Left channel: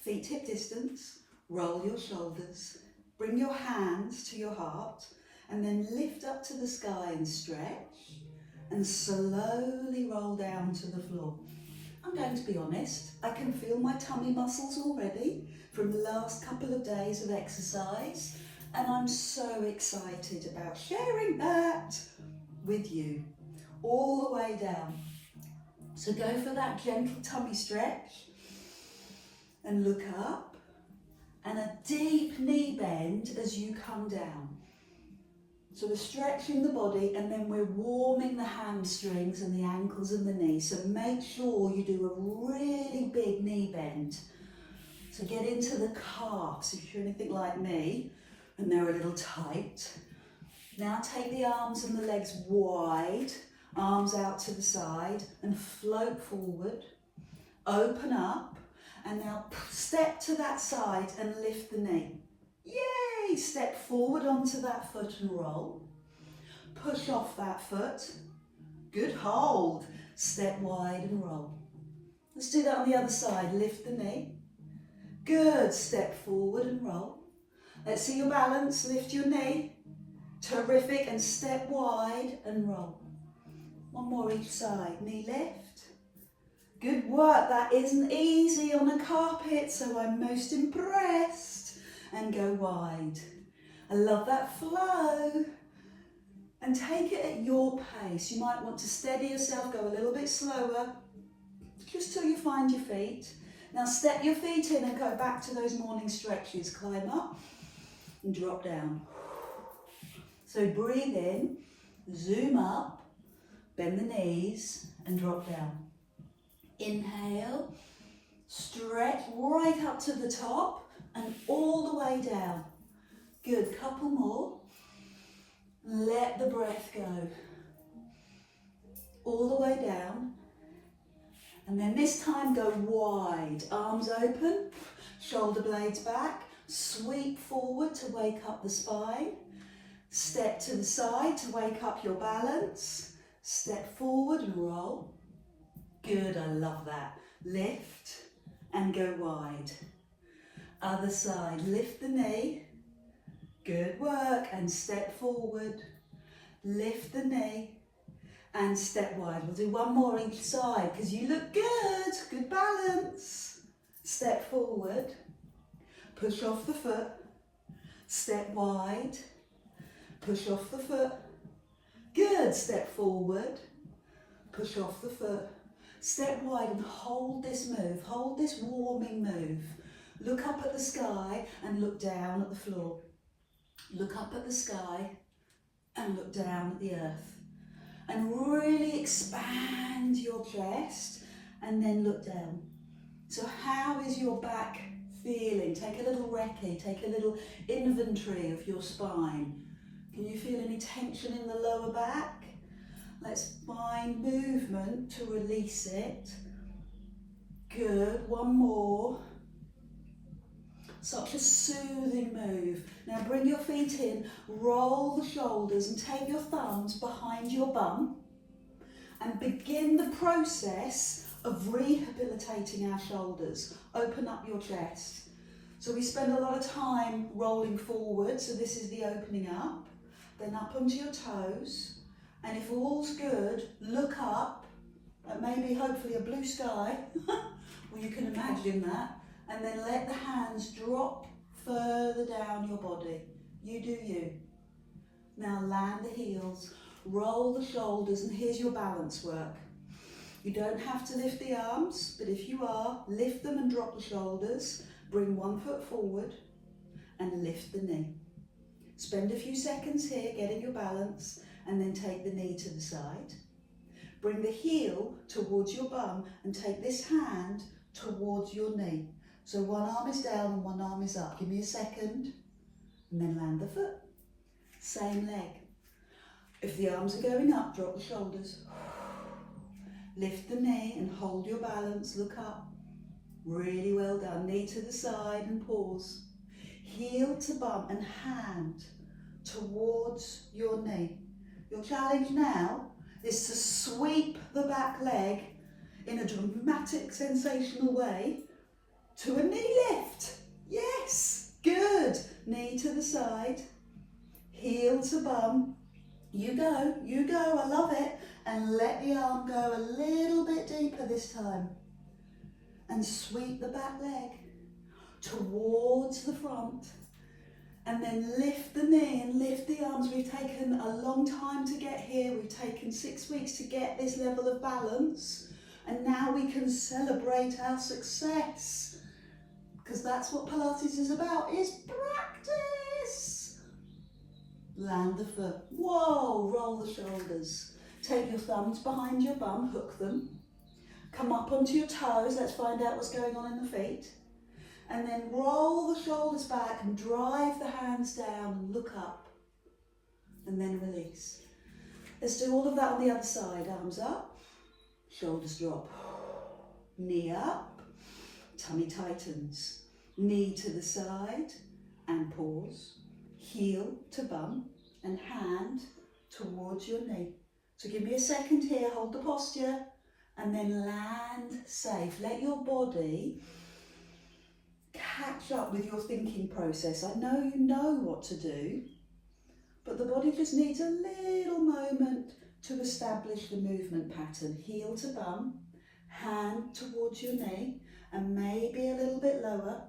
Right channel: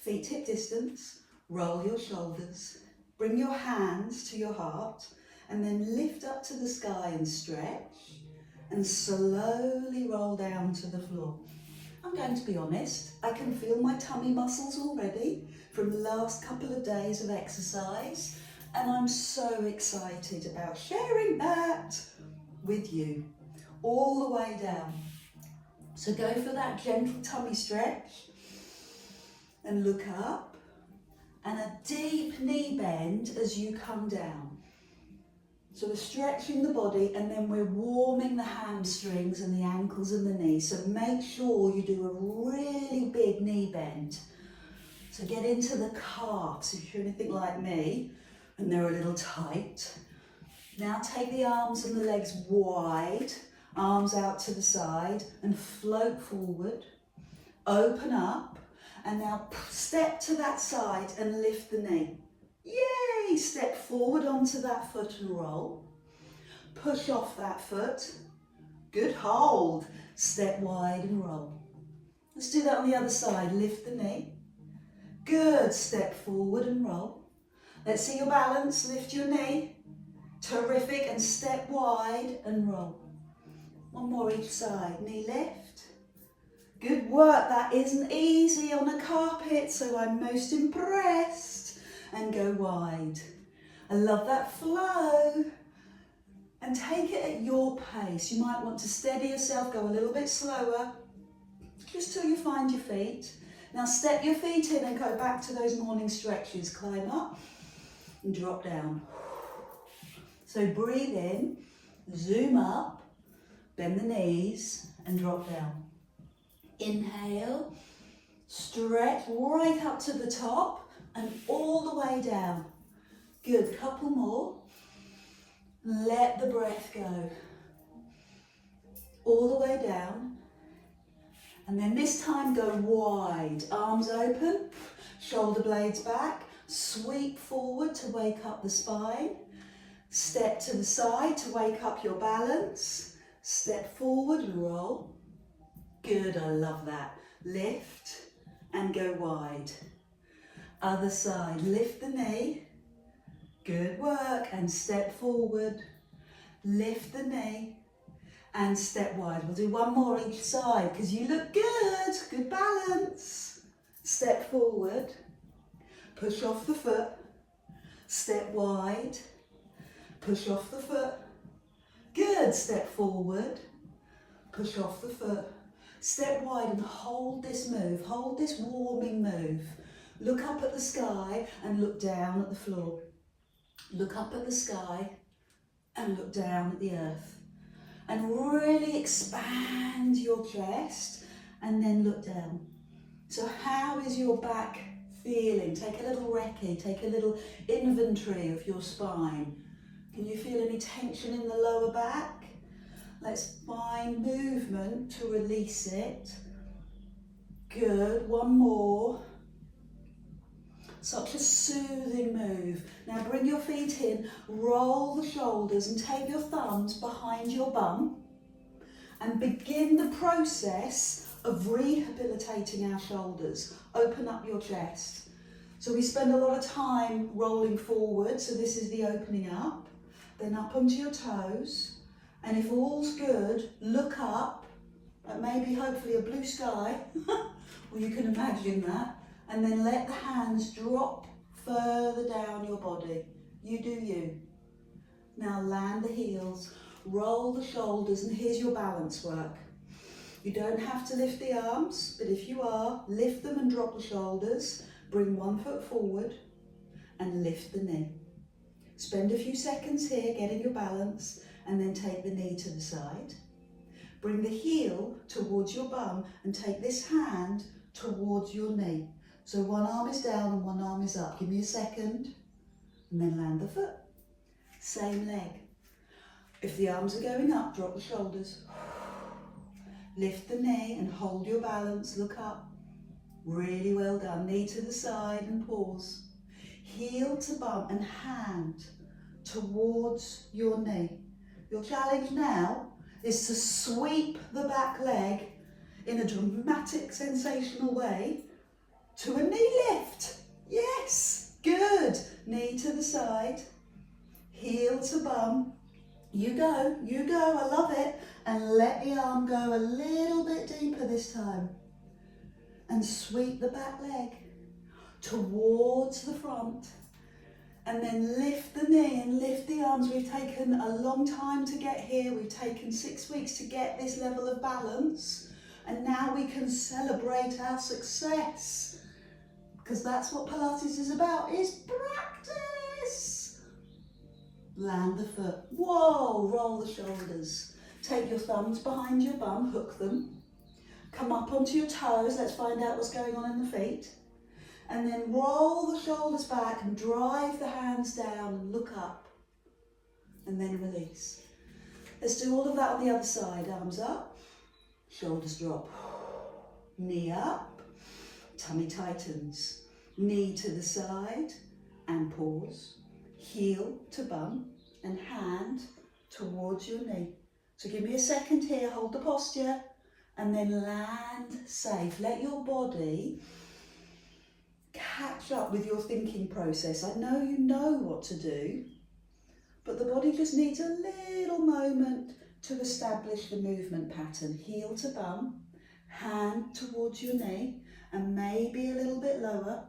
feet hip distance, roll your shoulders, bring your hands to your heart, and then lift up to the sky and stretch, and slowly roll down to the floor. I'm going to be honest, I can feel my tummy muscles already from the last couple of days of exercise, and I'm so excited about sharing that with you all the way down. So go for that gentle tummy stretch and look up, and a deep knee bend as you come down. So we're stretching the body, and then we're warming the hamstrings and the ankles and the knees. So make sure you do a really big knee bend. So get into the calves if you're anything like me and they're a little tight. Now take the arms and the legs wide, arms out to the side, and float forward. Open up, and now step to that side and lift the knee. Yay! Step forward onto that foot and roll. Push off that foot. Good hold. Step wide and roll. Let's do that on the other side. Lift the knee. Good. Step forward and roll. Let's see your balance. Lift your knee. Terrific. And step wide and roll. One more each side. Knee lift. Good work. That isn't easy on a carpet, so I'm most impressed. And go wide. I love that flow. And take it at your pace. You might want to steady yourself, go a little bit slower, just till you find your feet. Now step your feet in and go back to those morning stretches. Climb up and drop down. So breathe in, zoom up, bend the knees and drop down. Inhale, stretch right up to the top and all the way down. Good, couple more. Let the breath go. All the way down. And then this time go wide. Arms open, shoulder blades back. Sweep forward to wake up the spine. Step to the side to wake up your balance. Step forward and roll. Good, I love that. Lift and go wide. Other side, lift the knee. Good work, and step forward. Lift the knee and step wide. We'll do one more each side because you look good. Good balance. Step forward. Push off the foot. Step wide. Push off the foot. Good. Step forward. Push off the foot. Step wide and hold this move. Hold this warming move. Look up at the sky and look down at the floor. Look up at the sky and look down at the earth. And really expand your chest and then look down. So how is your back feeling? Take a little recce, take a little inventory of your spine. Can you feel any tension in the lower back? Let's find movement to release it. Good, one more. Such a soothing move. Now bring your feet in, roll the shoulders and take your thumbs behind your bum and begin the process of rehabilitating our shoulders. Open up your chest. So we spend a lot of time rolling forward, so this is the opening up, then up onto your toes, and if all's good, look up at maybe hopefully a blue sky, or you can imagine that. And then let the hands drop further down your body. You do you. Now land the heels, roll the shoulders, and here's your balance work. You don't have to lift the arms, but if you are, lift them and drop the shoulders. Bring one foot forward and lift the knee. Spend a few seconds here getting your balance, and then take the knee to the side. Bring the heel towards your bum and take this hand towards your knee. So one arm is down and one arm is up. Give me a second, and then land the foot. Same leg. If the arms are going up, drop the shoulders. Lift the knee and hold your balance. Look up. Really well done. Knee to the side and pause. Heel to bum and hand towards your knee. Your challenge now is to sweep the back leg in a dramatic, sensational way to a knee knee to the side, heel to bum. You go, I love it. And let the arm go a little bit deeper this time. And sweep the back leg towards the front. And then lift the knee and lift the arms. We've taken a long time to get here. We've taken 6 weeks to get this level of balance. And now we can celebrate our success. Because that's what Pilates is about, is practice. Land the foot. Whoa, roll the shoulders. Take your thumbs behind your bum, hook them. Come up onto your toes. Let's find out what's going on in the feet. And then roll the shoulders back and drive the hands down and look up. And then release. Let's do all of that on the other side. Arms up, shoulders drop. Knee up, tummy tightens. Knee to the side and pause. Heel to bum and hand towards your knee. So give me a second here, hold the posture and then land safe. Let your body catch up with your thinking process. I know you know what to do, but the body just needs a little moment to establish the movement pattern. Heel to bum, hand towards your knee and maybe a little bit lower.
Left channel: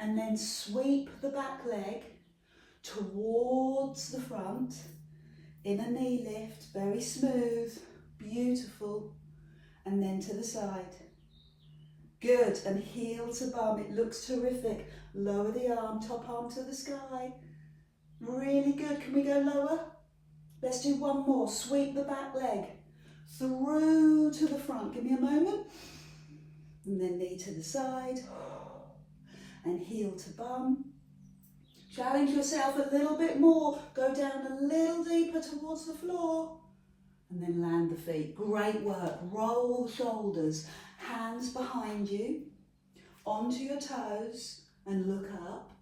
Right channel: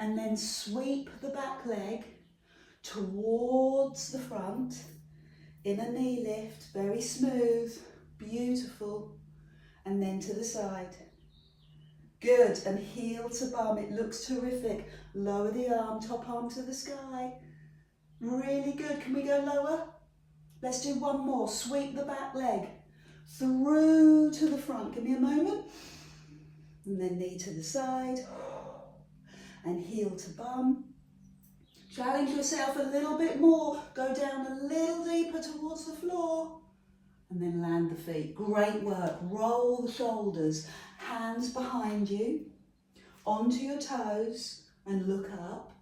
And then sweep the back leg towards the front in a knee lift, very smooth, beautiful, and then to the side. Good, and heel to bum, it looks terrific. Lower the arm, top arm to the sky. Really good, can we go lower? Let's do one more, sweep the back leg through to the front. Give me a moment. And then knee to the side. And heel to bum. Challenge yourself a little bit more. Go down a little deeper towards the floor. And then land the feet. Great work. Roll the shoulders. Hands behind you. Onto your toes and look up.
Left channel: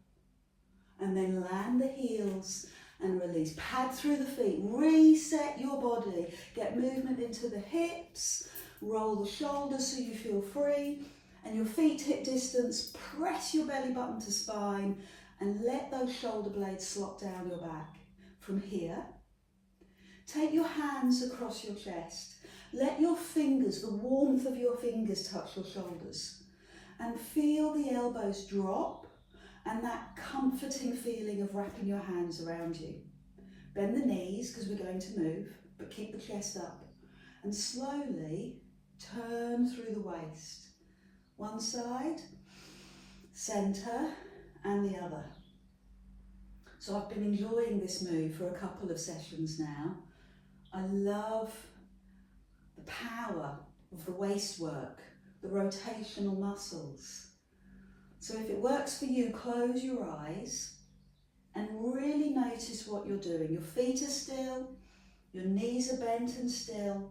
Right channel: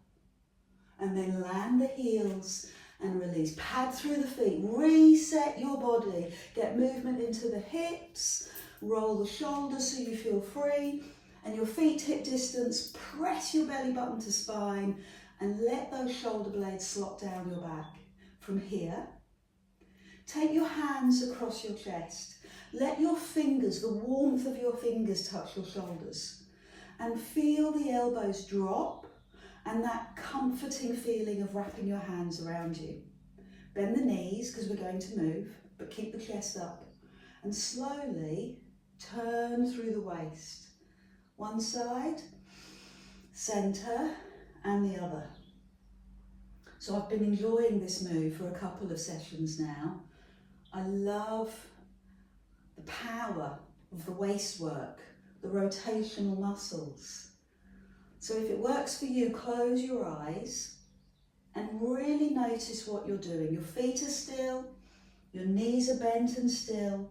And then land the heels and release. Pad through the feet. Reset your body. Get movement into the hips. Roll the shoulders so you feel free. And your feet hip distance, press your belly button to spine and let those shoulder blades slot down your back. From here, take your hands across your chest. Let your fingers, the warmth of your fingers touch your shoulders and feel the elbows drop and that comforting feeling of wrapping your hands around you. Bend the knees because we're going to move, but keep the chest up and slowly turn through the waist. One side, centre and the other. So I've been enjoying this move for a couple of sessions now. I love the power of the waist work, the rotational muscles. So if it works for you, close your eyes and really notice what you're doing. Your feet are still, your knees are bent and still,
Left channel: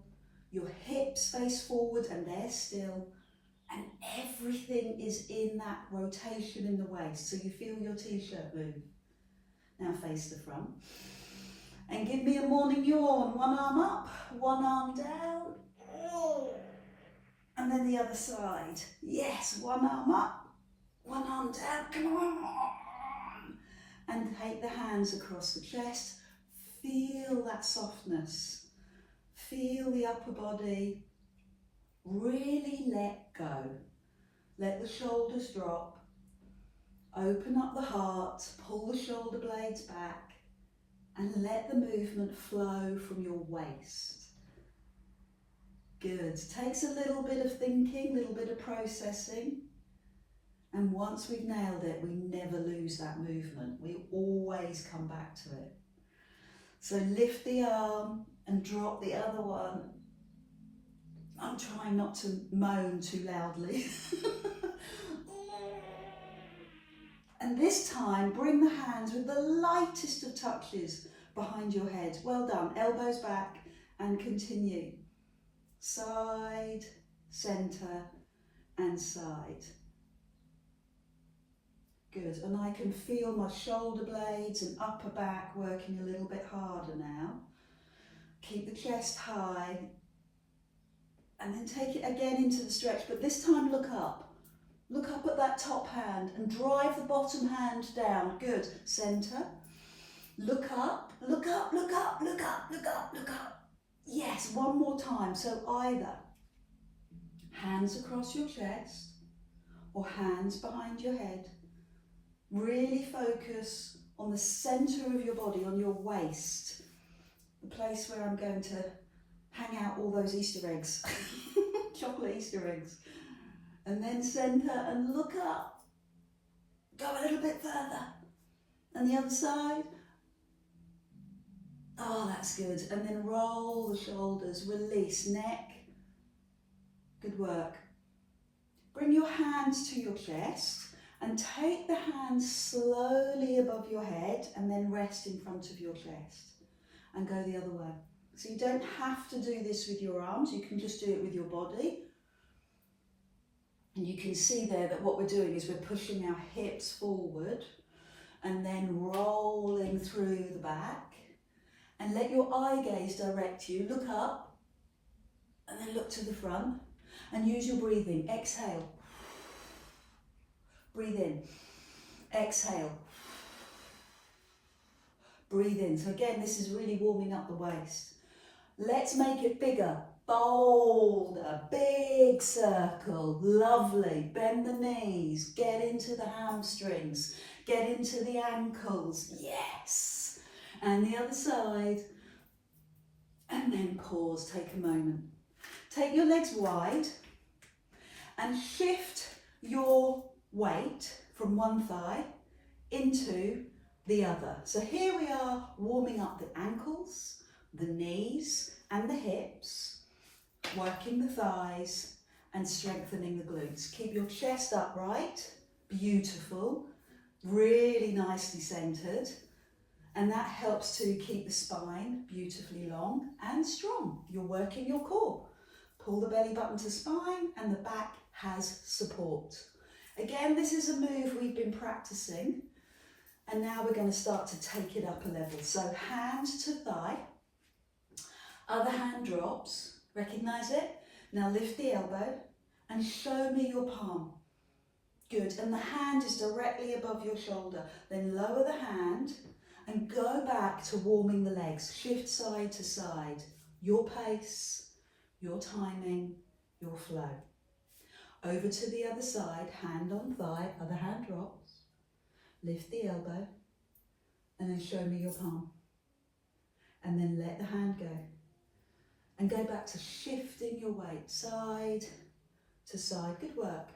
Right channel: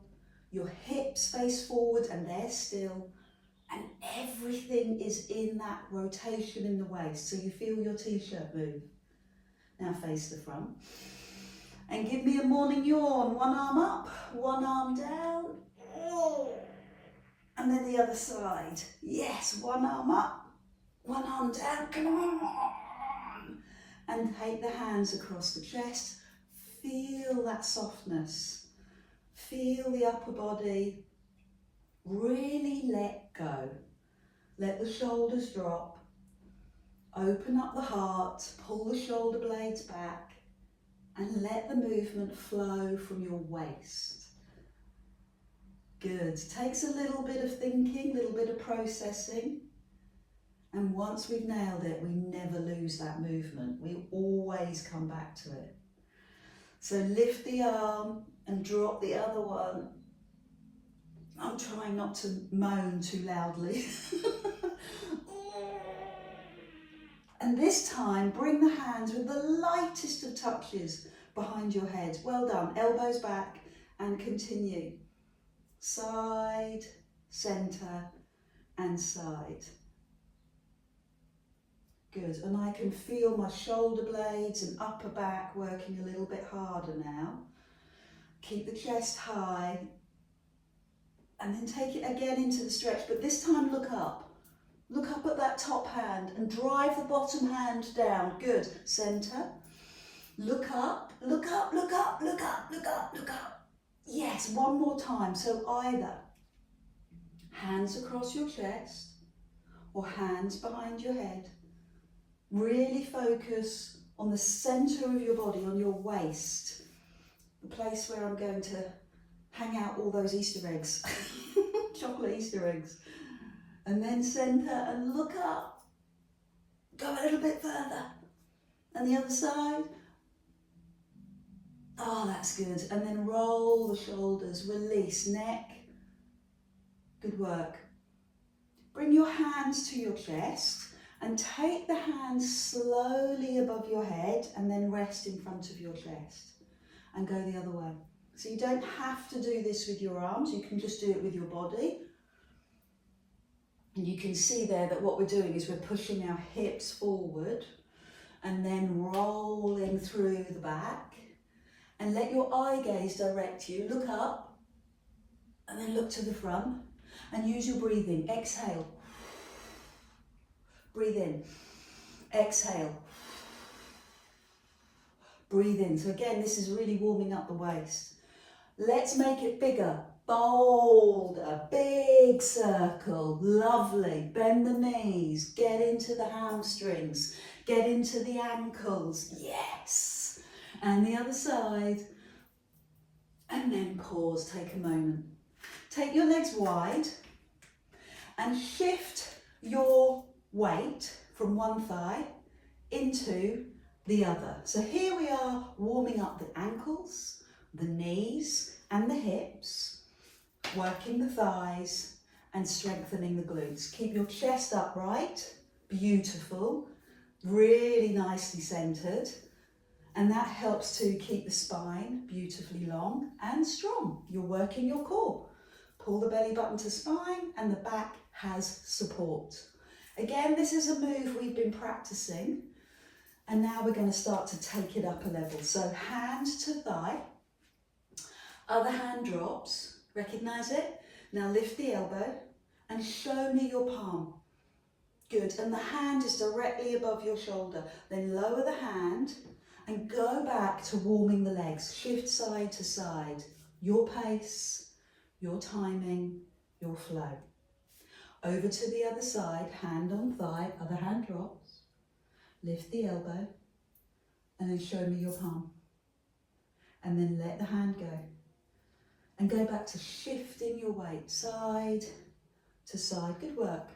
your hips face forward and they're still. And everything is in that rotation in the waist, so you feel your t-shirt move. Now face the front. And give me a morning yawn. One arm up, one arm down. And then the other side. Yes, one arm up, one arm down. Come on. And take the hands across the chest. Feel that softness. Feel the upper body. Really let go. Let the shoulders drop. Open up the heart, pull the shoulder blades back and let the movement flow from your waist. Good. Takes a little bit of thinking, a little bit of processing. And once we've nailed it, we never lose that movement. We always come back to it. So lift the arm and drop the other one. I'm trying not to moan too loudly. And this time, bring the hands with the lightest of touches behind your head. Well done. Elbows back and continue. Side, centre and side. Good. And I can feel my shoulder blades and upper back working a little bit harder now. Keep the chest high. And then take it again into the stretch, but this time look up. Look up at that top hand and drive the bottom hand down. Good. Centre. Look up, look up, look up, look up, look up, look up. Yes, one more time. So either hands across your chest or hands behind your head. Really focus on the centre of your body, on your waist, the place where I'm going to hang out all those Easter eggs, chocolate Easter eggs. And then centre and look up. Go a little bit further. And the other side. Oh, that's good. And then roll the shoulders, release, neck. Good work. Bring your hands to your chest and take the hands slowly above your head and then rest in front of your chest and go the other way. So you don't have to do this with your arms, you can just do it with your body. And you can see there that what we're doing is we're pushing our hips forward and then rolling through the back. And let your eye gaze direct you. Look up and then look to the front and use your breathing. Exhale. Breathe in. Exhale. Breathe in. So again, this is really warming up the waist. Let's make it bigger. Bolder. Big circle. Lovely. Bend the knees. Get into the hamstrings. Get into the ankles. Yes. And the other side, and then pause, take a moment. Take your legs wide and shift your weight from one thigh into the other. So here we are warming up the ankles, the knees and the hips, working the thighs and strengthening the glutes. Keep your chest upright, beautiful, really nicely centered. And that helps to keep the spine beautifully long and strong. You're working your core. Pull the belly button to spine and the back has support. Again, this is a move we've been practicing and now we're going to start to take it up a level. So hand to thigh, other hand drops, recognize it? Now lift the elbow and show me your palm. Good, and the hand is directly above your shoulder. Then lower the hand and go back to warming the legs. Shift side to side. Your pace, your timing, your flow. Over to the other side, hand on thigh, other hand drops. Lift the elbow and then show me your palm. And then let the hand go. And go back to shifting your weight side to side. Good work.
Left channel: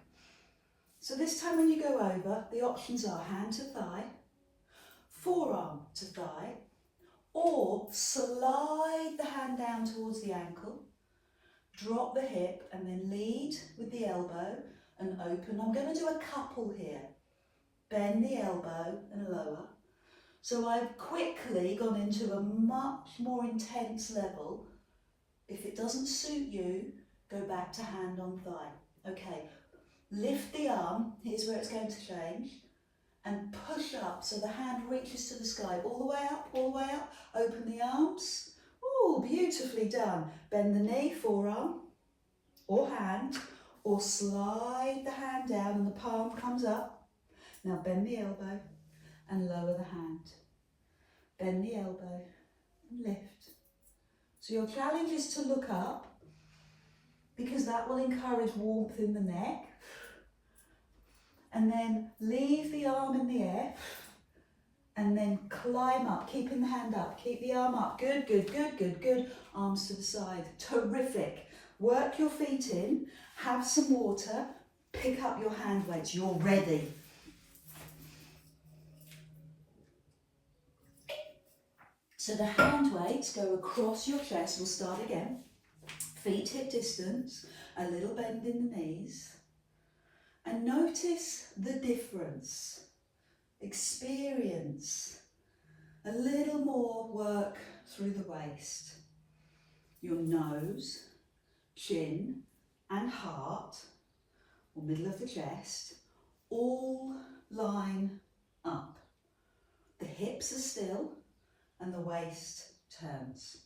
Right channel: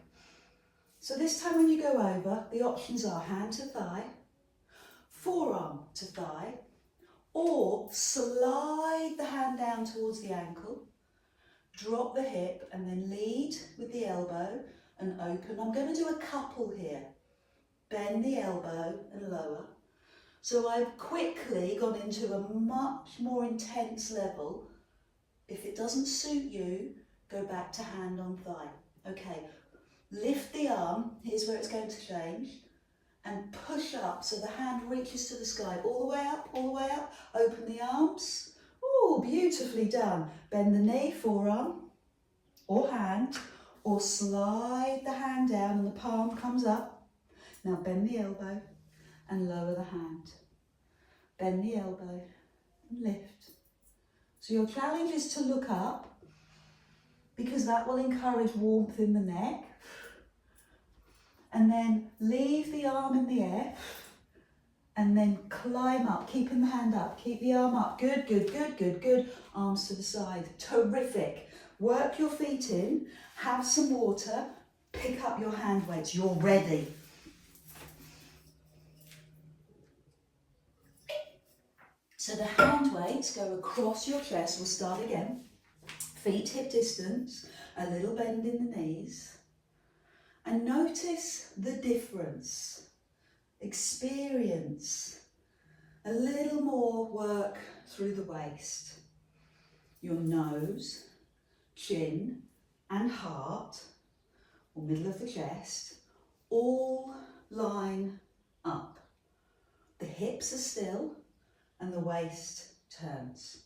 So this time when you go over, the options are hand to thigh, forearm to thigh, or slide the hand down towards the ankle, drop the hip and then lead with the elbow and open. I'm going to do a couple here. Bend the elbow and lower. So I've quickly gone into a much more intense level. If it doesn't suit you, go back to hand on thigh. Okay, lift the arm, here's where it's going to change. And push up so the hand reaches to the sky, all the way up, open the arms. Oh, beautifully done. Bend the knee, forearm or hand, or slide the hand down and the palm comes up. Now bend the elbow and lower the hand. Bend the elbow and lift. So your challenge is to look up because that will encourage warmth in the neck. And then leave the arm in the air and then climb up, keeping the hand up, keep the arm up. Good, good, good, good, good. Arms to the side. Terrific. Work your feet in, have some water, pick up your hand weights. You're ready. So the hand weights go across your chest. We'll start again. Feet hip distance, a little bend in the knees. And notice the difference. Experience a little more work through the waist. Your nose, chin and heart, or middle of the chest, all line up. The hips are still and the waist turns.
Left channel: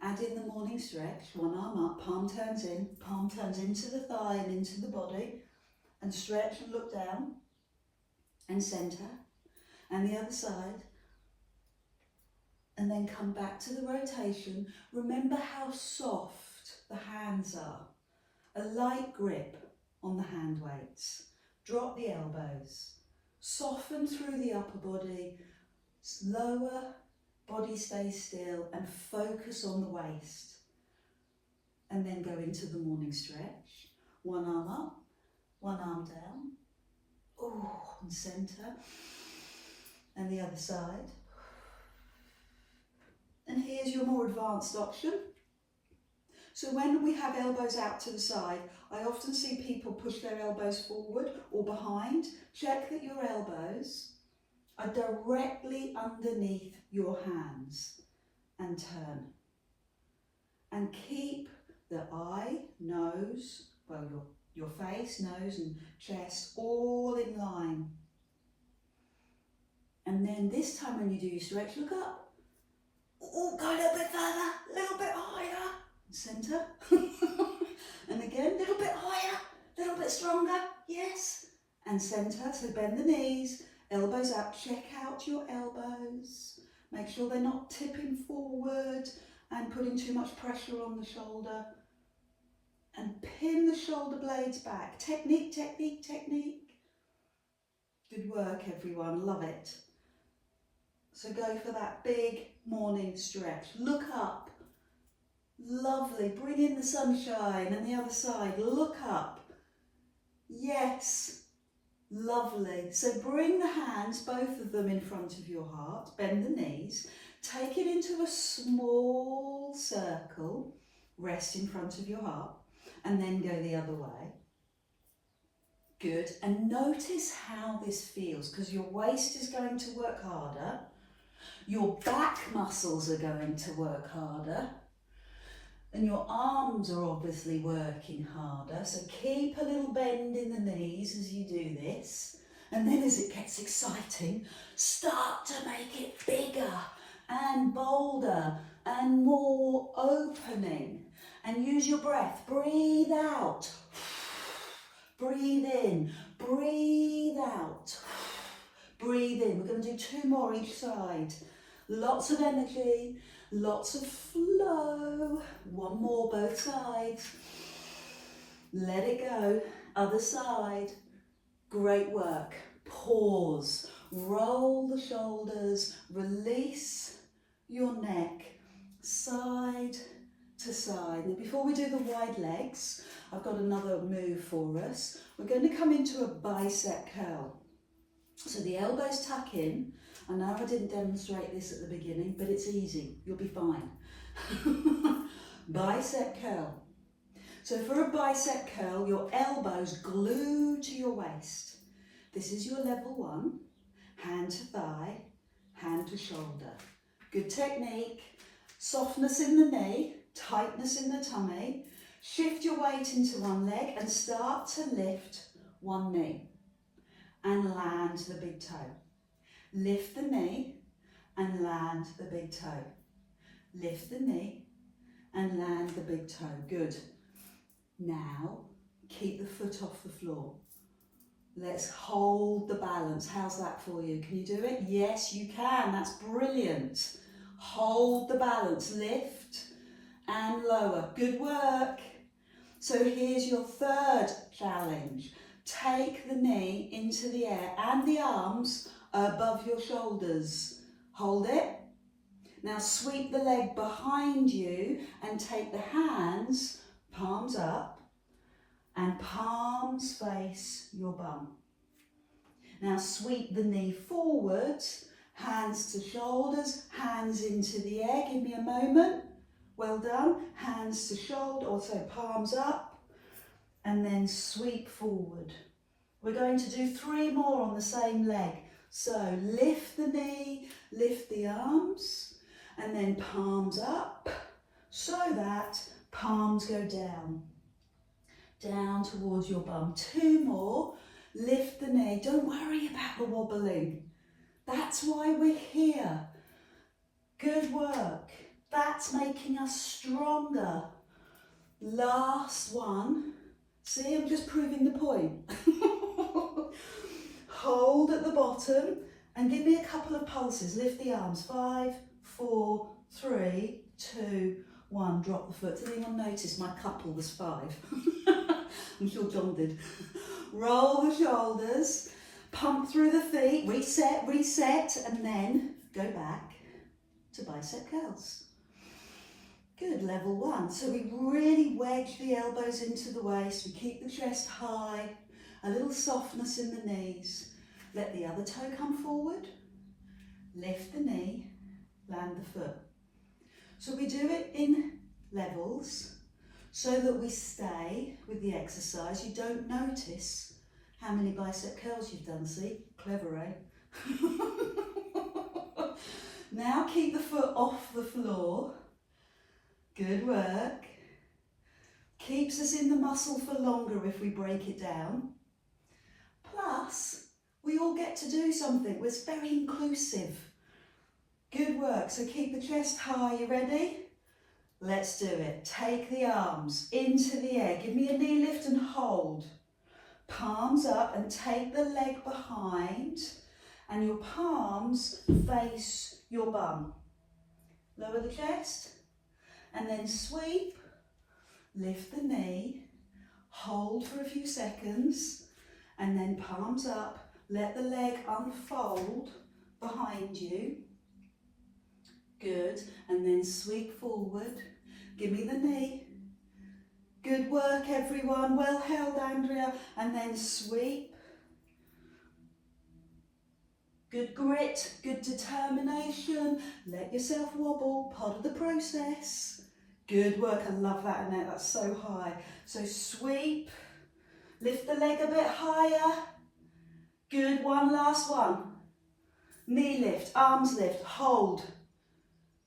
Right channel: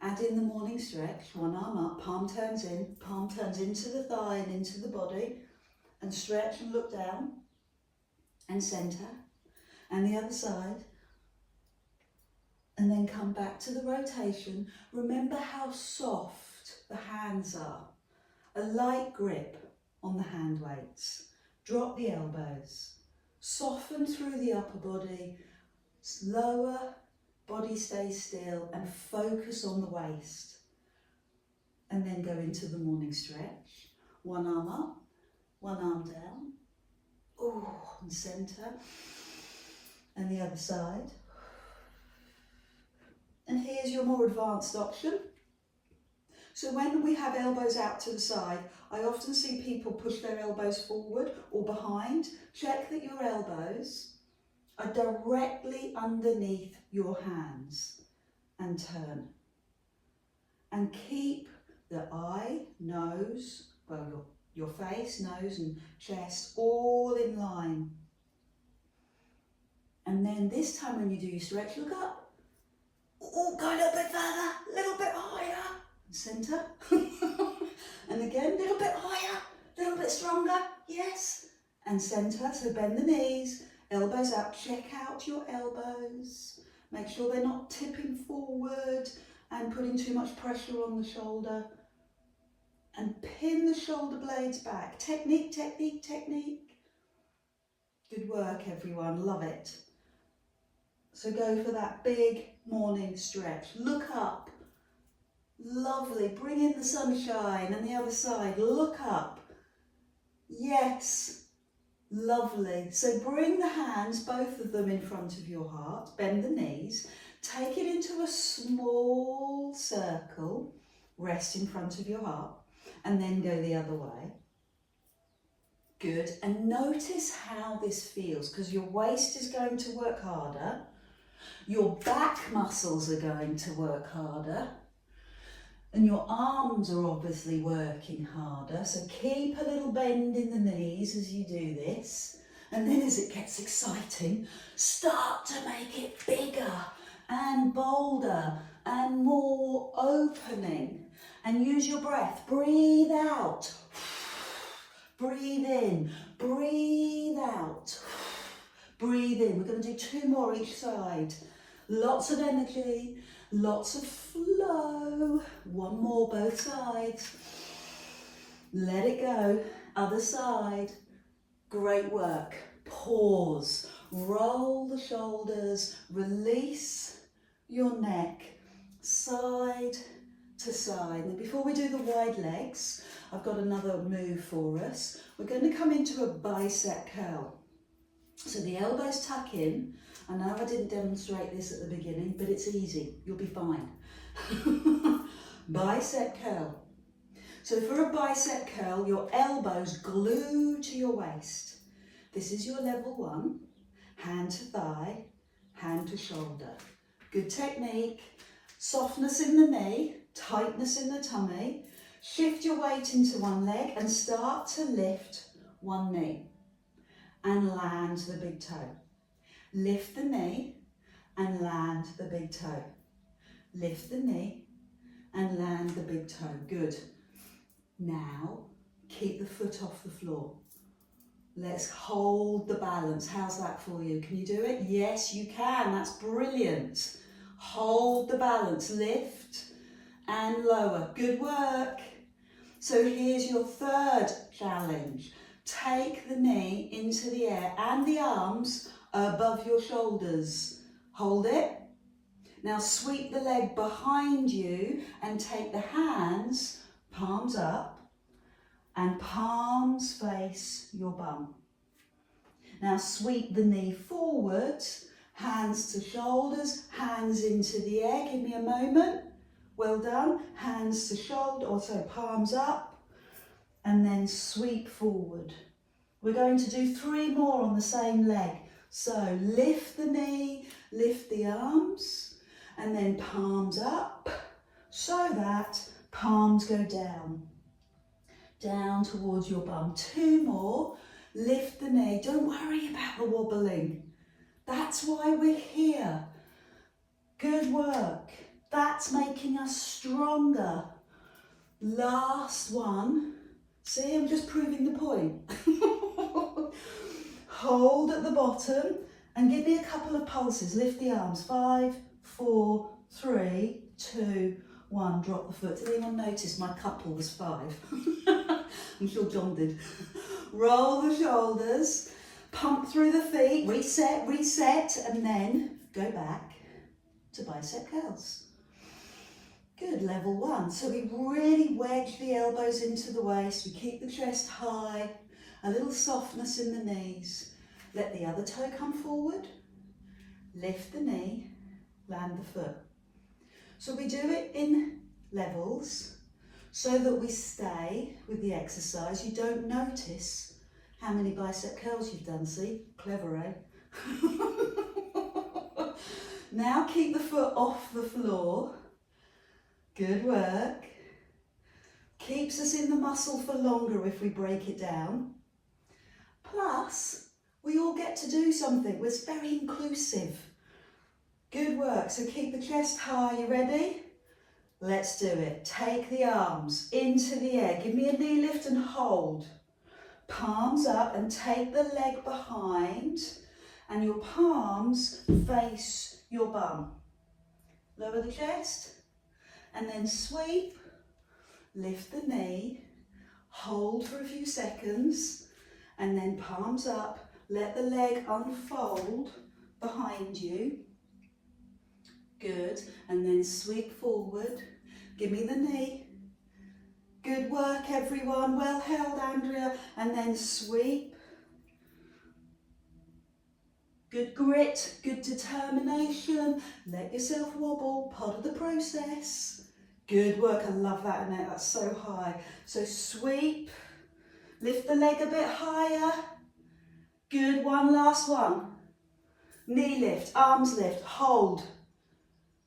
Add in the morning stretch, one arm up, palm turns in, palm turns into the thigh and into the body. and stretch and look down and centre, and the other side, and then come back to the rotation. Remember how soft the hands are. A light grip on the hand weights. Drop the elbows. Soften through the upper body. Lower, body stays still, and focus on the waist. And then go into the morning stretch. One arm up, one arm down. Oh, and centre. And the other side. And here's your more advanced option. So when we have elbows out to the side, I often see people push their elbows forward or behind. Check that your elbows are directly underneath your hands and turn. And keep the eye, nose, well, your face, nose and chest all in line. And then this time when you do your stretch, look up. Oh, go a little bit further, a little bit higher. Centre. And again, a little bit higher, a little bit stronger. Yes. And centre. So bend the knees, elbows out. Check out your elbows. Make sure they're not tipping forward and putting too much pressure on the shoulder. And pin the shoulder blades back. Technique, technique, technique. Good work, everyone. Love it. So go for that big morning stretch. Look up. Lovely. Bring in the sunshine, and the other side. Look up. Yes. Lovely. So bring the hands, both of them in front of your heart. Bend the knees. Take it into a small circle. Rest in front of your heart. And then go the other way. Good. And notice how this feels, because your waist is going to work harder. Your back muscles are going to work harder. And your arms are obviously working harder. So keep a little bend in the knees as you do this. And then as it gets exciting, start to make it bigger and bolder and more opening. And use your breath. Breathe out. Breathe in. Breathe out. Breathe in. We're going to do 2 more each side. Lots of energy. Lots of flow. 1 more, both sides. Let it go. Other side. Great work. Pause. Roll the shoulders. Release your neck. Side to side. Now before we do the wide legs, I've got another move for us. We're going to come into a bicep curl. So the elbows tuck in. I know I didn't demonstrate this at the beginning, but it's easy. You'll be fine. Bicep curl. So for a bicep curl, your elbows glued to your waist. This is your level 1. Hand to thigh, hand to shoulder. Good technique. Softness in the knee, tightness in the tummy. Shift your weight into one leg and start to lift one knee and land the big toe. Lift the knee and land the big toe. Lift the knee and land the big toe. Good. Now, keep the foot off the floor. Let's hold the balance. How's that for you? Can you do it? Yes, you can. That's brilliant. Hold the balance. Lift and lower. Good work. So here's your third challenge. Take the knee into the air and the arms above your shoulders. Hold it. Now sweep the leg behind you and take the hands, palms up, and palms face your bum. Now sweep the knee forward, hands to shoulders, hands into the air. Give me a moment. Well done. Hands to shoulder, also palms up, and then sweep forward. We're going to do 3 more on the same leg. So lift the knee, lift the arms, and then palms up, so that palms go down. Down towards your bum. 2 more. Lift the knee. Don't worry about the wobbling. That's why we're here. Good work. That's making us stronger. Last one. See, I'm just proving the point. Hold at the bottom and give me a couple of pulses. Lift the arms. 5, 4, 3, 2, 1. Drop the foot. Did anyone notice my couple was 5? I'm sure John did. Roll the shoulders, pump through the feet, reset, reset, and then go back to bicep curls. Good, level 1. So we really wedge the elbows into the waist. We keep the chest high, a little softness in the knees. Let the other toe come forward. Lift the knee, land the foot. So we do it in levels so that we stay with the exercise. You don't notice how many bicep curls you've done, see? Clever, eh? Now keep the foot off the floor. Good work. Keeps us in the muscle for longer if we break it down. Plus, we all get to do something. It's very inclusive. Good work. So keep the chest high. You ready? Let's do it. Take the arms into the air. Give me a knee lift and hold. Palms up and take the leg behind and your palms face your bum. Lower the chest and then sweep. Lift the knee. Hold for a few seconds and then palms up. Let the leg unfold behind you. Good, and then sweep forward. Give me the knee. Good work, everyone. Well held, Andrea. And then sweep. Good grit, good determination. Let yourself wobble, part of the process. Good work, I love that, Annette. That's so high. So sweep. Lift the leg a bit higher. Good, one last one. Knee lift, arms lift, hold.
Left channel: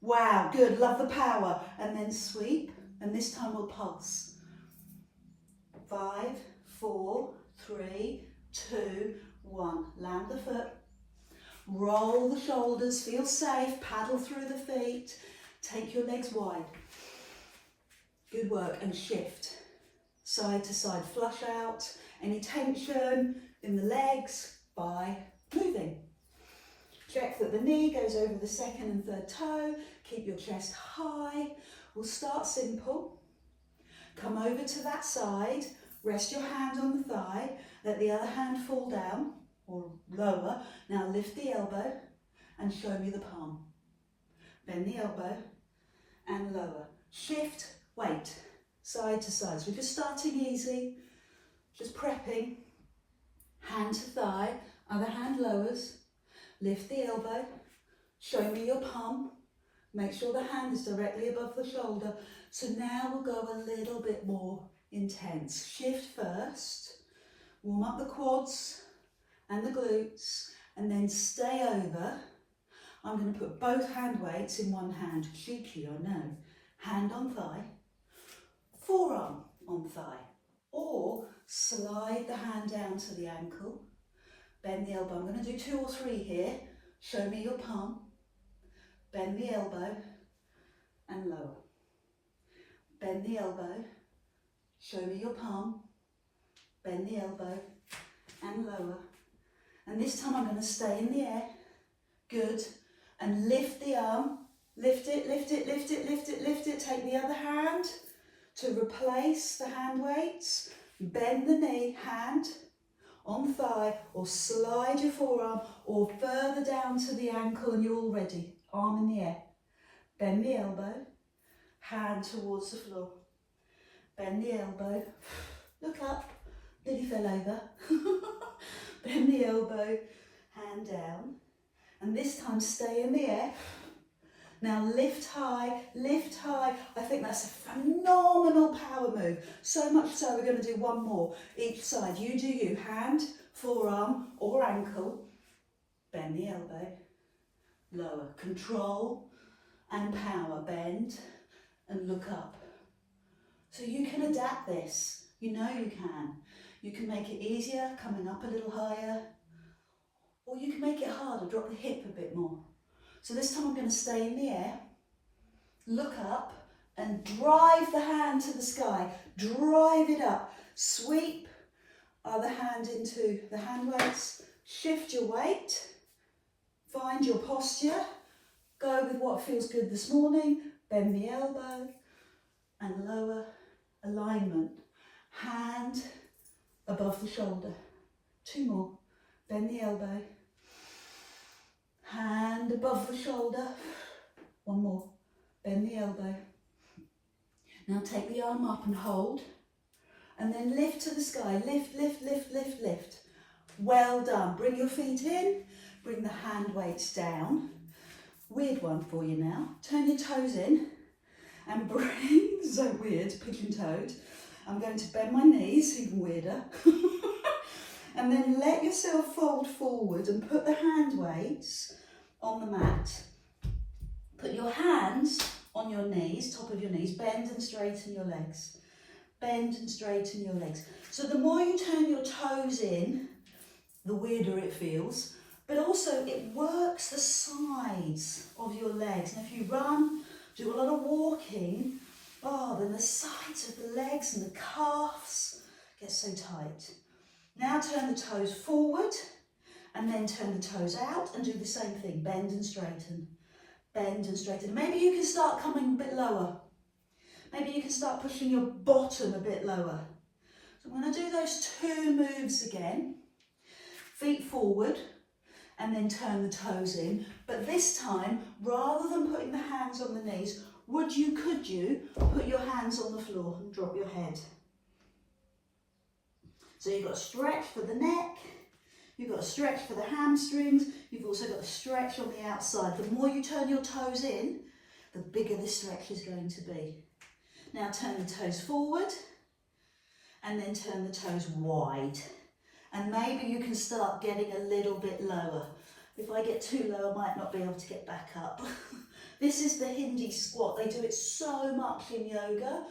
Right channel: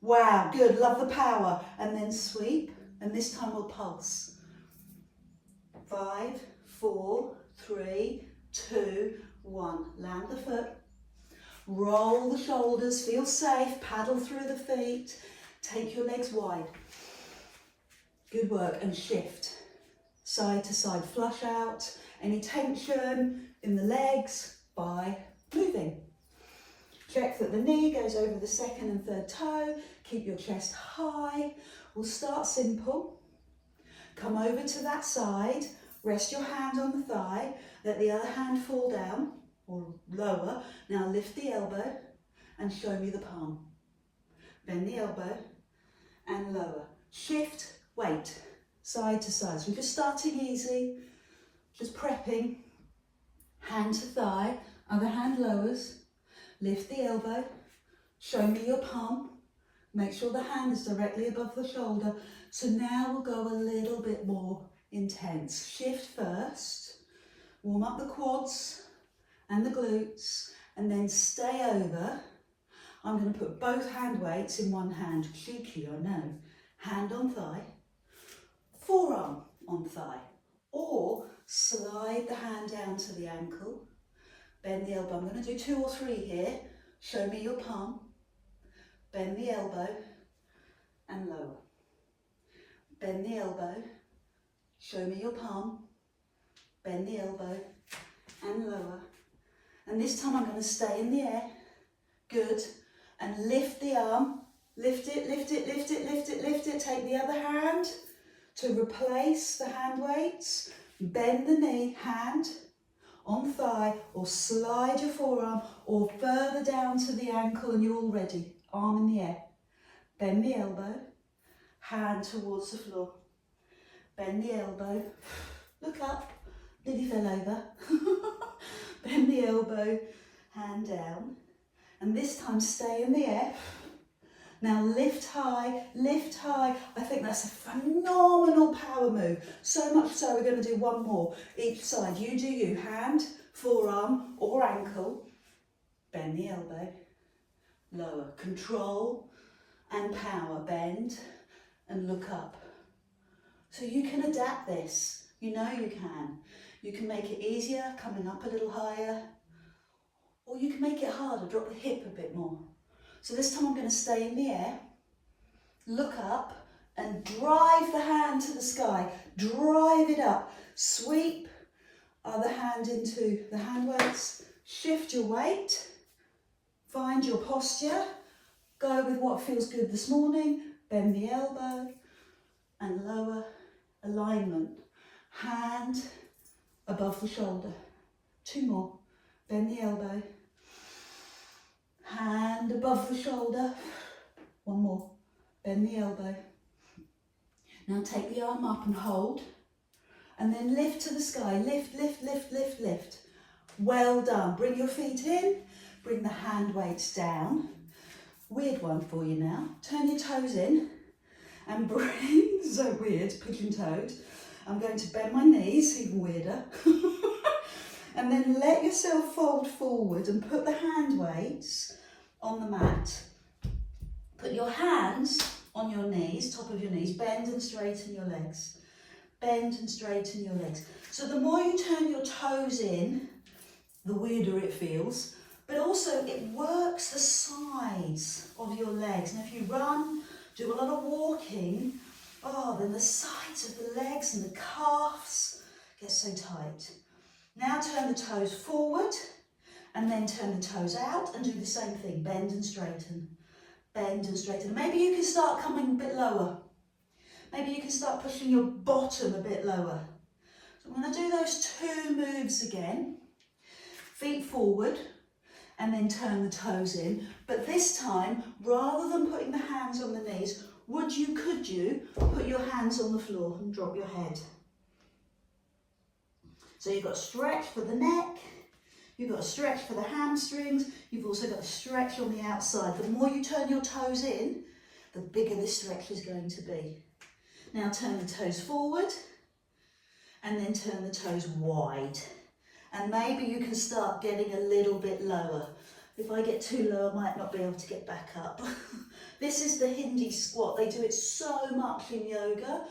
Wow, good, love the power. And then sweep, and this time we'll pulse. 5, 4, 3, 2, 1. Land the foot. Roll the shoulders, feel safe, paddle through the feet. Take your legs wide. Good work, and shift. Side to side, flush out any tension in the legs by moving. Check that the knee goes over the second and third toe. Keep your chest high. We'll start simple. Come over to that side. Rest your hand on the thigh. Let the other hand fall down or lower. Now lift the elbow and show me the palm. Bend the elbow and lower. Shift, weight, side to side. So we're just starting easy, just prepping. Hand to thigh, other hand lowers. Lift the elbow, show me your palm, make sure the hand is directly above the shoulder. So now we'll go a little bit more intense. Shift first, warm up the quads and the glutes, and then stay over. I'm going to put both hand weights in one hand. Cheeky, I know. Hand on thigh, forearm on thigh, or slide the hand down to the ankle. Bend the elbow. I'm going to do 2 or 3 here. Show me your palm. Bend the elbow and lower. Bend the elbow. Show me your palm. Bend the elbow and lower. And this time I'm going to stay in the air. Good. And lift the arm. Lift it, lift it, lift it, lift it, lift it. Take the other hand to replace the hand weights. Bend the knee, hand on thigh, or slide your forearm or further down to the ankle and you're all ready. Arm in the air. Bend the elbow, hand towards the floor. Bend the elbow, look up, nearly fell over. Bend the elbow, hand down. And this time stay in the air. Now lift high, lift high. I think that's a phenomenal power move. So much so we're going to do one more. Each side, you do you. Hand, forearm or ankle. Bend the elbow. Lower. Control and power. Bend and look up. So you can adapt this. You know you can. You can make it easier, coming up a little higher. Or you can make it harder, drop the hip a bit more. So this time I'm going to stay in the air, look up and drive the hand to the sky. Drive it up. Sweep other hand into the hand weights. Shift your weight. Find your posture. Go with what feels good this morning. Bend the elbow and lower alignment. Hand above the shoulder. 2 more. Bend the elbow. Hand above the shoulder. 1 more. Bend the elbow. Now take the arm up and hold. And then lift to the sky. Lift, lift, lift, lift, lift. Well done. Bring your feet in. Bring the hand weights down. Weird one for you now. Turn your toes in and bring, so weird, pigeon-toed. I'm going to bend my knees, even weirder. And then let yourself fold forward and put the hand weights on the mat. Put your hands on your knees, top of your knees. Bend and straighten your legs. Bend and straighten your legs. So the more you turn your toes in, the weirder it feels. But also it works the sides of your legs. And if you run, do a lot of walking, then the sides of the legs and the calves get so tight. Now turn the toes forward and then turn the toes out and do the same thing. Bend and straighten. Bend and straighten. Maybe you can start coming a bit lower. Maybe you can start pushing your bottom a bit lower. So I'm going to do those 2 moves again. Feet forward and then turn the toes in. But this time, rather than putting the hands on the knees, could you put your hands on the floor and drop your head? So you've got a stretch for the neck, you've got a stretch for the hamstrings, you've also got a stretch on the outside. The more you turn your toes in, the bigger this stretch is going to be. Now turn the toes forward and then turn the toes wide. And maybe you can start getting a little bit lower. If I get too low, I might not be able to get back up. This is the Hindi squat. They do it so much in yoga.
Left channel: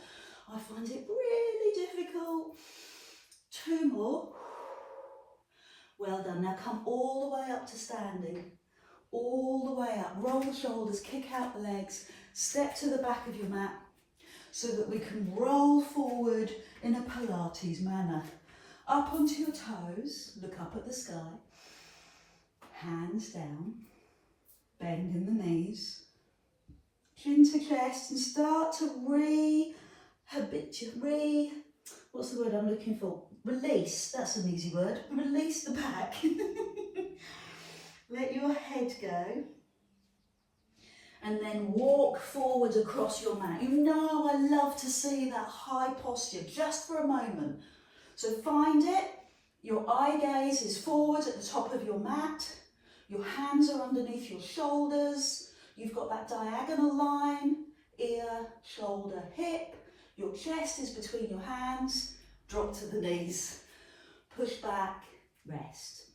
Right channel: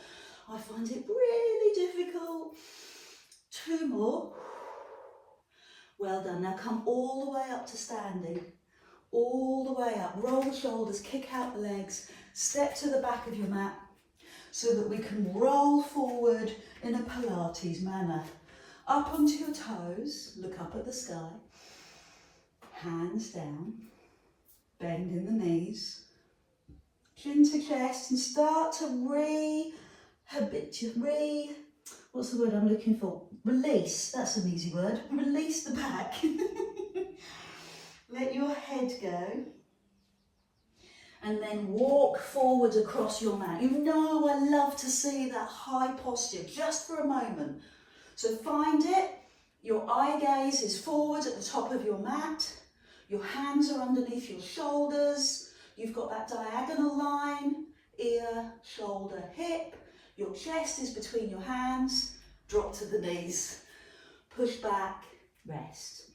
I find it really difficult. 2 more. Well done. Now come all the way up to standing. All the way up. Roll the shoulders, kick out the legs, step to the back of your mat so that we can roll forward in a Pilates manner. Up onto your toes, look up at the sky, hands down, bend in the knees, chin to chest, and start to what's the word I'm looking for? Release, that's an easy word. Release the back. Let your head go. And then walk forward across your mat. You know I love to see that high posture just for a moment. So find it. Your eye gaze is forward at the top of your mat. Your hands are underneath your shoulders. You've got that diagonal line, ear, shoulder, hip. Your chest is between your hands. Drop to the knees. Push back, rest.